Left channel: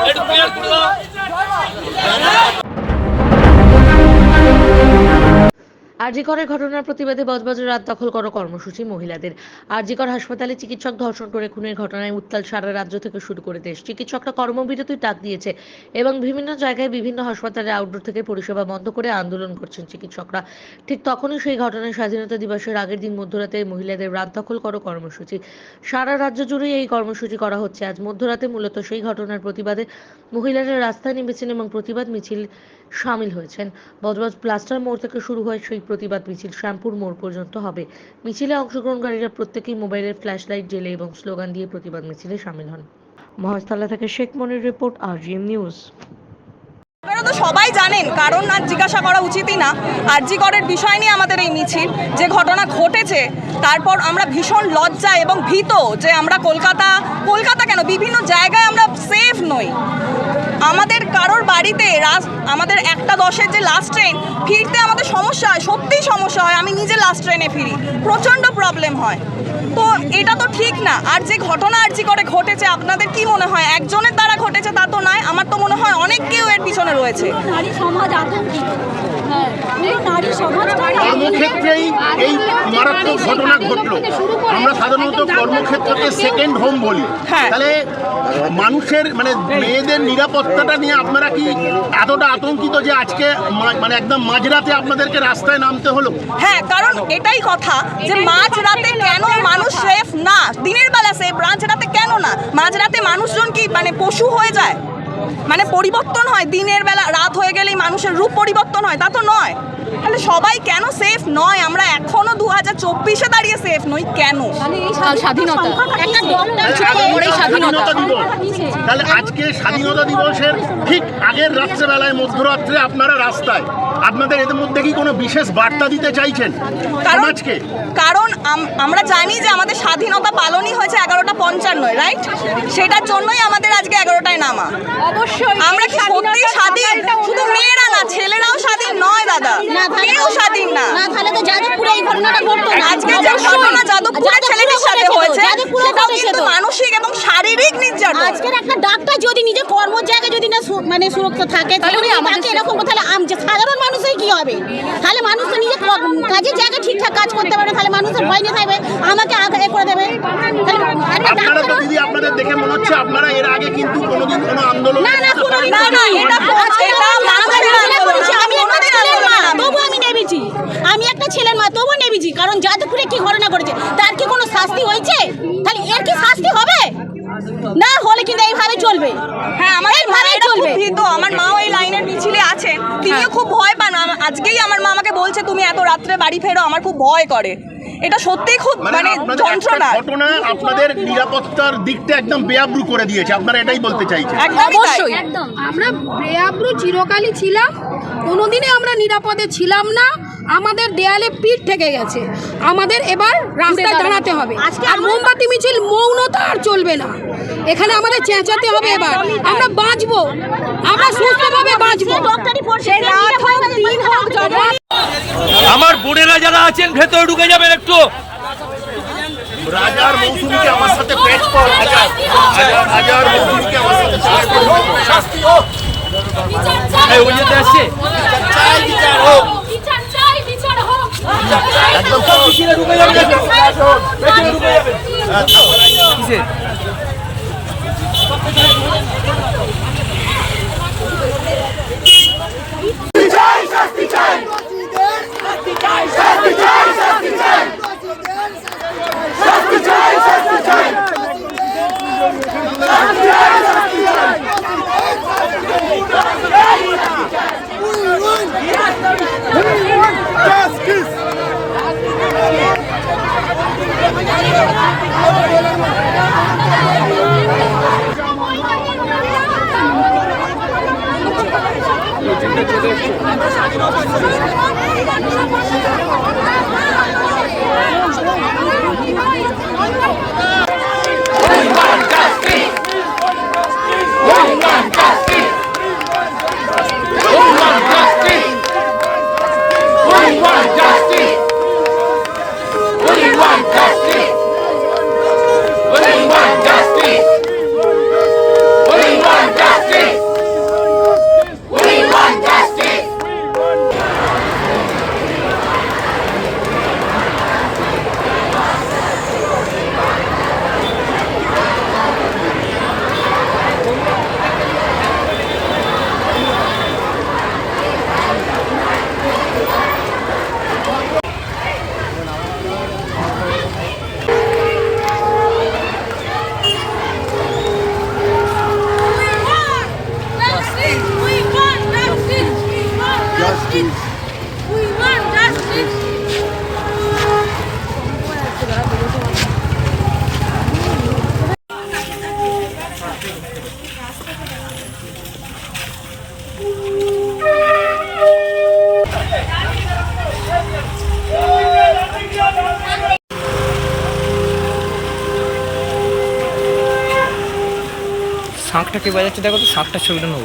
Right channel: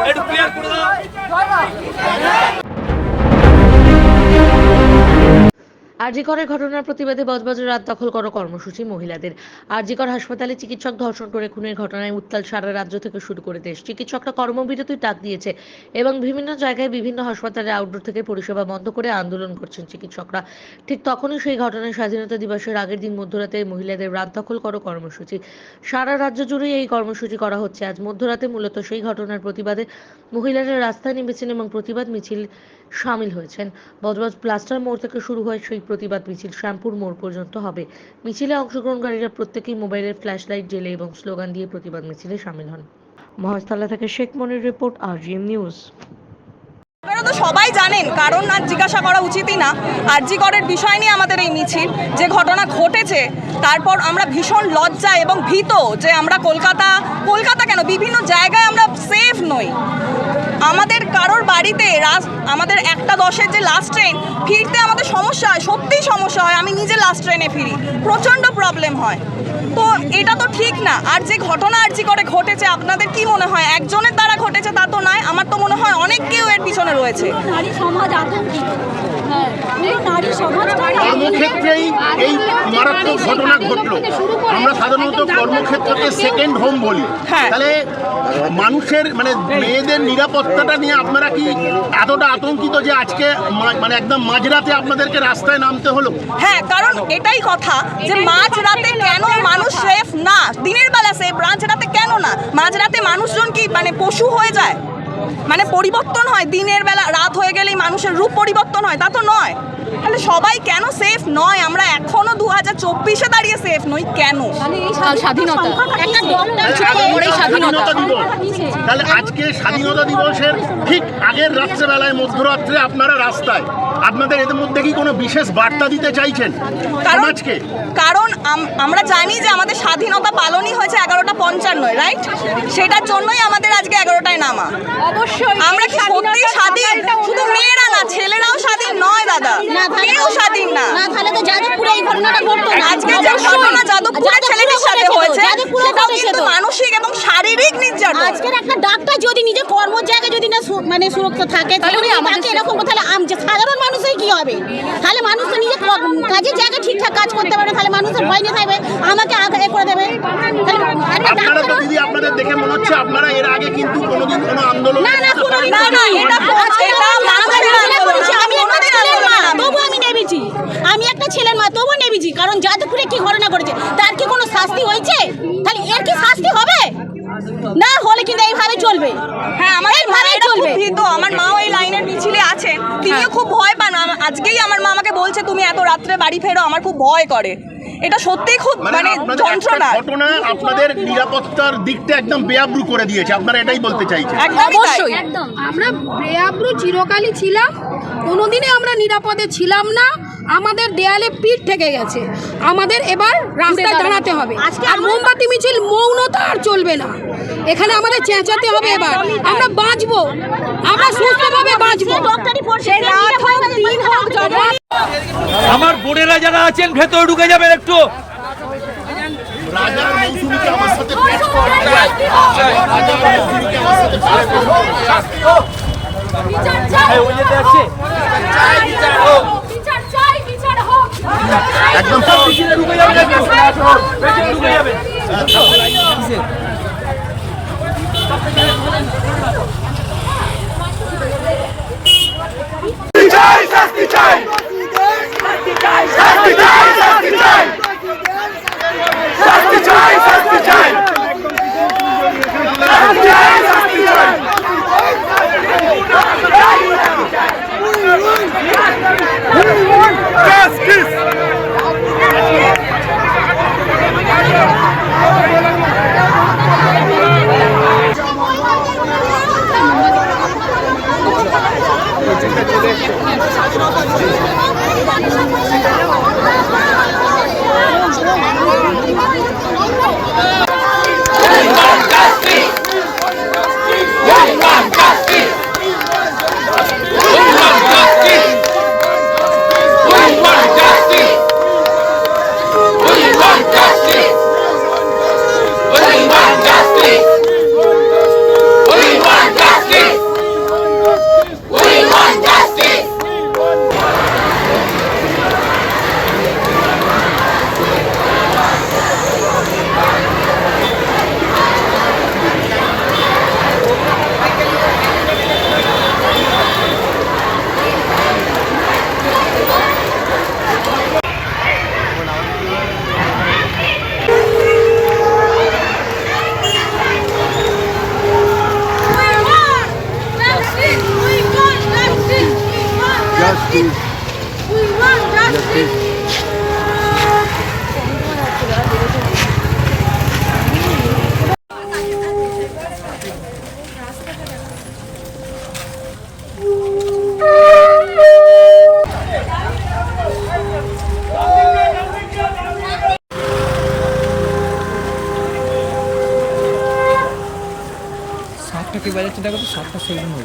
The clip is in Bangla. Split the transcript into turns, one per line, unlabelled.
একটু ক্লিয়ার করে দাও
আরজিকরের ঘটনার প্রতিবাদে বজবজের রাত দখল করো কর্মসূচি মহিলাদের। আরজিকর হাসপাতালে চিকিৎসক ধর্ষণ করে খুনের ঘটনায় উত্তাল সারা রাজ্য থেকে শুরু করে দেশ। চিকিৎসকরা কর্মবিরতির ডাক দিয়েছে এবং বিভিন্ন জায়গায় বিভিন্ন হাসপাতালে আউটডোর থেকে পরিষেবা বন্ধ করে আন্দোলন করছেন চিকিৎসকরা। ঠিক তখনই সেই ঘটনায় স্বাধীনতা দিবসের আগের দিন মধ্যরাতে মহিলাদের রাত দখল করো কর্মসূচি। সারা রাজ্য জুড়ে এই কর্মসূচি করা হচ্ছে। আজ মধ্যরাতে মূলত সেই ঘটনার প্রতিবাদে মহিলারা রাস্তায় নেমেছেন এবং প্রতিবাদ মিছিল সামিল হয়েছেন। বজবজ প্লাস্টার মোড় থেকে শুরু হয় সেই প্রতিবাদ মিছিল শ্যামপুর মোড় পর্যন্ত হবে। মিছিলে অংশগ্রহণকারীরা প্রত্যেকেই মোবাইলের ফ্ল্যাশ লাইট জেলে এবং স্লোগান দিয়ে প্রতিবাদ মিছিলে সামিল হন। মহেশতলা থেকে Sheikh Monir report, RGM news.
আপনারা তো সবাই জানেন, কারণ আর জিজ্ঞাসা করা উচিতই না। আরজি করের বিষয় নিয়ে আমাদের এই মিছিল, যে ঘটনা ঘটেছে, তারপর আমরা ভীষণ লজ্জা এবং ভীত যে আমরা কলকাতা কলকাতা কেন? বিভিন্ন জায়গায় আমরা সেফ নই। আমাদের কারোর বাড়িতে আমাদের একটা দশের যে লাস্ট ট্রেন ফিরতে আমাদের সমস্যা হয়, সত্যিই সমস্যা হয়। আমি নিজে লাস্ট ট্রেনে ফিরি। প্রচণ্ড প্রবলেম হয়। তো এটা তো ঠিক না। আর যে ঘটনা আরজি করে ঘটেছে আপনাদের কি মনে হয়? একজনের দ্বারা ঘটেছে তা তো নয় আমার তো মনে হয় অনেক কেউ এর পিছনে রয়েছে।
নারী সমাজ আতঙ্কিত। হ্যাঁ নারী
কর্মক্ষেত্রেই এই মারাত্মক ঘটনা ঘটলো। আমরা সাধারণত কর্মক্ষেত্রকে সেকেন্ড হোম বলি।
হ্যাঁ।
তাহলে মানুষের মানে মেয়েদের নিরাপত্তাটা নিয়ে আপনারা কি এতটা আতঙ্কিত যে আজকে মানে একদম মাঝরাতে আপনাদেরকে রাস্তায় নামতে হলো?
হ্যাঁ কারণ এটাই কথা যে মাঝ রাতে কেন মানুষ সেফ না, দিনের বেলা সেই ব্রাঞ্চ রাতে কেন না? মাঝরাতে মানুষজন কি মানে পশু হয়ে যায়? মানে পরিবর্তন হয় দিনের বেলা রাত হয়ে গেলেই মানুষের রূপ পরিবর্তন হয় তা তো নয়। তাহলে সবাই কেন সেফ নয়? আমরা এখনও দু হাজার চব্বিশে দাঁড়িয়ে সেফ নই কেন?
মানে স্বাধীনতা।
তাহলে আজকে স্বাধীনতা দিবস
নিচে।
তাহলে আজকে স্বাধীনতা দিবসের ঠিক আগের রাত্রেবেলায় মধ্যরাত্রে আপনারা রাস্তায় আপনাদের এদের মধ্যে কি কোনো বিশেষ বার্তা দিতে চাইছেন?
কারণ
সমাজকে?
কারণ আমরা জানি যে আমাদের স্বাধীনতা পালনই হয়েছে এগারোটা পঞ্চান্নয় রাইট সেটার জন্যই আমাদের আজকে এগারোটায় নামা।
অবশ্যই।
আমরা কি সত্যি স্বাধীন? শুধু মেয়েরা না ছেলেরাও স্বাধীন নয় দাদা। কেউ স্বাধীন না।
না তাহলে তো যাদবপুরে এই ঘটনাটা ঘটতো না।
আজকে যে ঘটনা যাদবপুরের ছেলেটির সাথে হয়েছে সেটাও কিন্তু মানসিক এবং শারীরিক নির্যাতন।
আজকের একটা ডাক্তার যদি নিজের কর্ম জায়গায় যদি না মানে সুরক্ষা থাকে তাহলে আমাকে এরকম তাহলে আম- সাধারণ মানুষের কি হবে? তাহলে মানুষ তো নিজের ক- কাজের জায়গায় ঠিকঠাক কাজ করতে পারবে তাহলে মানুষের ভয় নিয়ে থাকবে। আমাকে আগে করে দেবে।
আপনারা তো দিদি আপনাদের দেখে মনে হচ্ছে আপনারা এর আগে কিন্তু কোনোদিন কোনো আন্দোলন
না না কোনো
না, না, এটা
আমি একটা ছেলের মা। তবু আমি নেমেছি। আমি একটা ছেলের মা তবু নেমেছি কারণ যাদবপুরে কি ঘটনা করেছে তার কি কোনো শাস্তি হয়েছে? তাহলে এর কি শাস্তি হবে? না হলে কিন্তু এইভাবে চলবে।
হ্যাঁ আমার খুব
চলবে।
ভীত। আমার মাও এই লাইনের মিছিলে আছেন তিনিও খুব ভয় পান। আজকেই আমার মা আমাকে বলছে তুমি এত রাত্রে বাড়ি ফেরো আমার খুব ভয় করে। এটা সত্যিই খুব
মানে
মানে
আপনাদের
যন্ত্রণা।
ঘটনা আপনাদের নিরাপত্তার দিকটা একদম বেআব্রু করে দিয়েছে আপনারা এটাই বলতে চাইছেন।
তাই।
একদম।
আমরা বেআব্রু চিরকালই ছিলাম কোনোদিনে আমরা নিরাপদে ছিলাম না আমাদের দেয়ালে পিঠ থেকে গেছে। আমাদের এবার রাস্তায় দাঁড়াতে হবে। আর মোমবাতি মিছিল মৌনতা আর চলবে না। এখানে আমাদের চেঁচাতে হবে এবার। আমরা বাঁচবো। আমরা সুস্থভাবে বাঁচবো।
আমার বোনেরা যারা আছেন ভেতরে ঢুকে যাবেন একটু।
রাজার মৌসুমীকে আমার সাথে পেট
যাবে চাই শাস্তি চাই শাস্তি চাই। Justice!
শাকটা কি বাজাচ্ছে? দেখো তো সাতটা ছবিটা নেব।